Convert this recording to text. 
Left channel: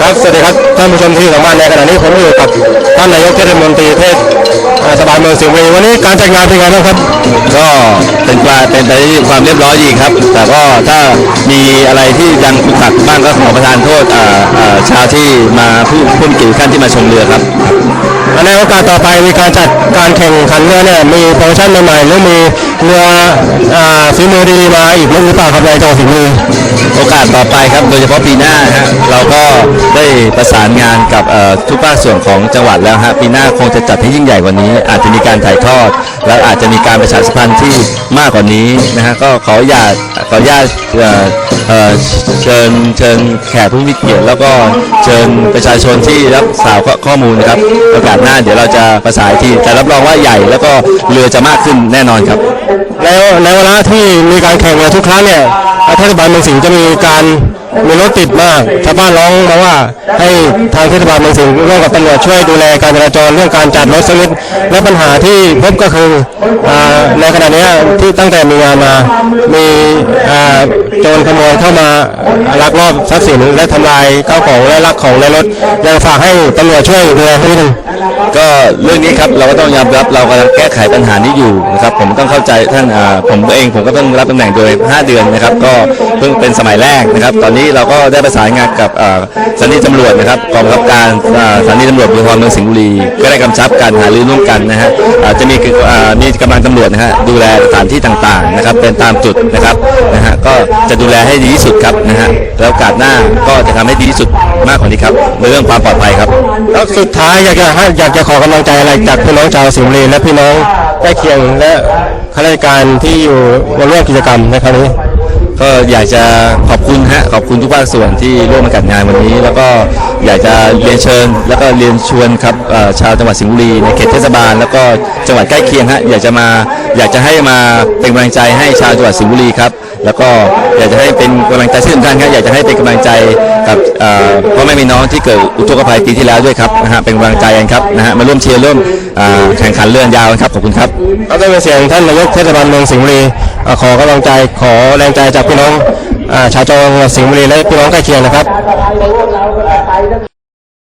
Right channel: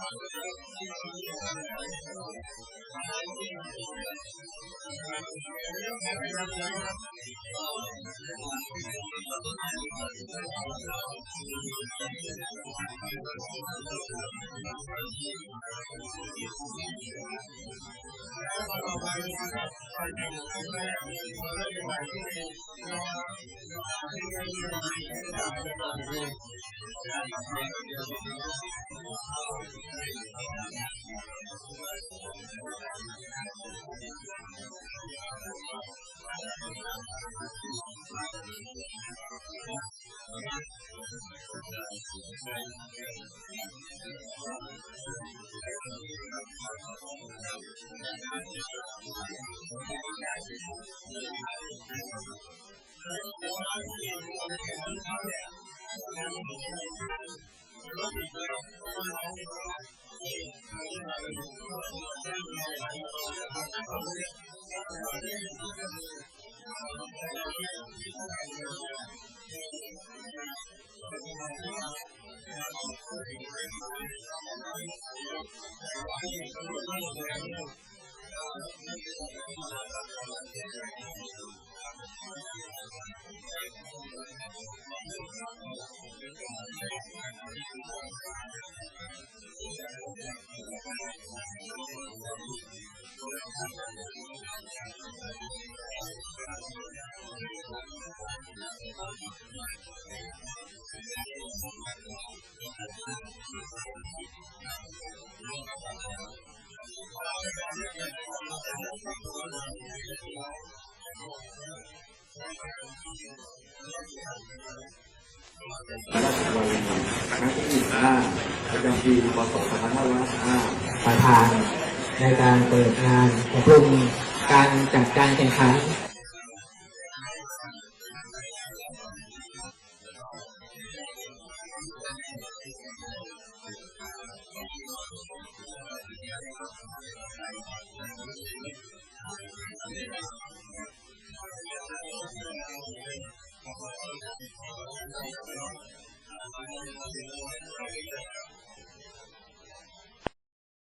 ครับสวัสดีครับท่านผู้ชมที่อยู่ทางบ้านในขณะนี้ผมอยู่กับท่านนายกเทศมนตรีเทศสบายเมืองสิงห์บุรีวันนี้การจัดงานเป็นไงบ้างครับ ก็เป็นปลาเป็นไปด้วยความเรียบร้อยดีครับ แต่ก็ถ้ามีอะไรที่ยังขุกขักบ้างก็ขอประทานโทษอ่าอ่าชาวที่มาผู้ผู้มีเกียรติขั้นที่มาชมเรือครับในโอกาสต่อไปมีการจัดการแข่งขันเรือเนี่ยมีโปรโมชั่นใหม่ๆหรือมีเรืออ่าฝีมือดีๆมาอีกหรือเปล่าครับในจังหวัดสิงห์บุรี โอกาสต่อไปครับโดยเฉพาะปีหน้าฮะเราก็ได้ประสานงานกับเอ่อทุกภาคส่วนของจังหวัดแล้วฮะปีหน้าคงจะจัดให้ยิ่งใหญ่กว่านี้ อาจจะมีการถ่ายทอด แล้วอาจจะมีการประชาสัมพันธ์ที่มากกว่านี้นะฮะก็ขออย่าตขออนุญาตเอ่อเอ่อเชิญเชิญแขกผู้มีเกียรติแล้วก็เชิญประชาชนที่รับสาวข้อมูลนะครับโอกาสหน้าเดี๋ยวเราจะประสานอีกทีแต่รับรองว่าใหญ่แล้วก็เรือจะมากขึ้นแน่นอนครับ แล้วในเวลาที่มีการแข่งเรือทุกครั้งเนี่ย เทศบาลเมืองสิงห์จะมีการมีรถติดมากชาวบ้านร้องมาว่าให้ทางเทศบาลเมืองสิงห์ร่วมกับตำรวจช่วยดูแลการจราจรเรื่องการจัดรถสักนิดและปัญหาที่พบก็คือในขณะนี้ที่ตั้งแต่มีงานมามีโจรขโมยเข้ามาลักลอบทรัพย์สินและทำลายข้าวของและลักของในรถยังฝากให้ตำรวจช่วยดูแลให้นิดนึง ก็เรื่องนี้ครับเราก็ต้องยอมรับเรากำลังแก้ไขปัญหานี้อยู่นะครับผมต้องเข้าใจท่านอ่าผมเองผมก็ต้องรับตำแหน่งโดย 5 เดือนนะครับ ก็เพิ่งเป็นสมัยแรกนะครับ ตอนนี้เราก็ได้ประสานงานกับอ่าสถานีตำรวจนะครับกองบังคับการอ่าสถานีตำรวจภูธรเมืองสิงห์บุรี ก็ได้กำชับการหารือร่วมกันนะฮะอ่าจะมีอ่ามีกำลังตำรวจนะฮะดูแลสถานที่ต่างๆนะครับ เป็นตามจุดนะครับนะฮะก็จะดูแลให้ดีที่สุดครับนะฮะแล้วโอกาสหน้าก็จะทำให้ดีที่สุดมากกว่านี้ครับในเรื่องความปลอดภัยครับ แล้วสุดท้ายอยากจะให้อยากจะขอกำลังใจอะไรจากพี่น้องชาวสิงห์บุรีและพี่น้องใกล้เคียงและข้าราชการที่อยู่มาร่วมกิจกรรมในครั้งนี้ ก็อยากจะขอบคุณฮะขอบคุณทุกภาคส่วนที่ร่วมมาจัดงานวันนี้ แล้วก็อยากจะเรียนเชิญ แล้วก็เรียนชวนครับเอ่อชาวจังหวัดสิงห์บุรีในเขตเทศบาล แล้วก็จังหวัดใกล้เคียงฮะอยากจะมาอยากจะให้มาเป็นกำลังใจให้ชาวจังหวัดสิงห์บุรีครับ แล้วก็อยากจะให้เป็นกำลังใจที่สำคัญครับอยากจะให้เป็นกำลังใจกับเอ่อพ่อแม่พี่น้องที่เกิดอุทกภัยปีที่แล้วด้วยครับนะฮะเป็นกำลังใจกันครับนะฮะมาร่วมเชียร์ร่วมแข่งขันเลื่อนยาวครับขอบคุณครับก็ได้เป็นเสียงท่านนายกเทศบาลเมืองสิงห์บุรีขอกำลังใจขอแรงใจจากพี่น้องชาวจังหวัดสิงห์บุรีและพี่น้องใกล้เคียงนะครับ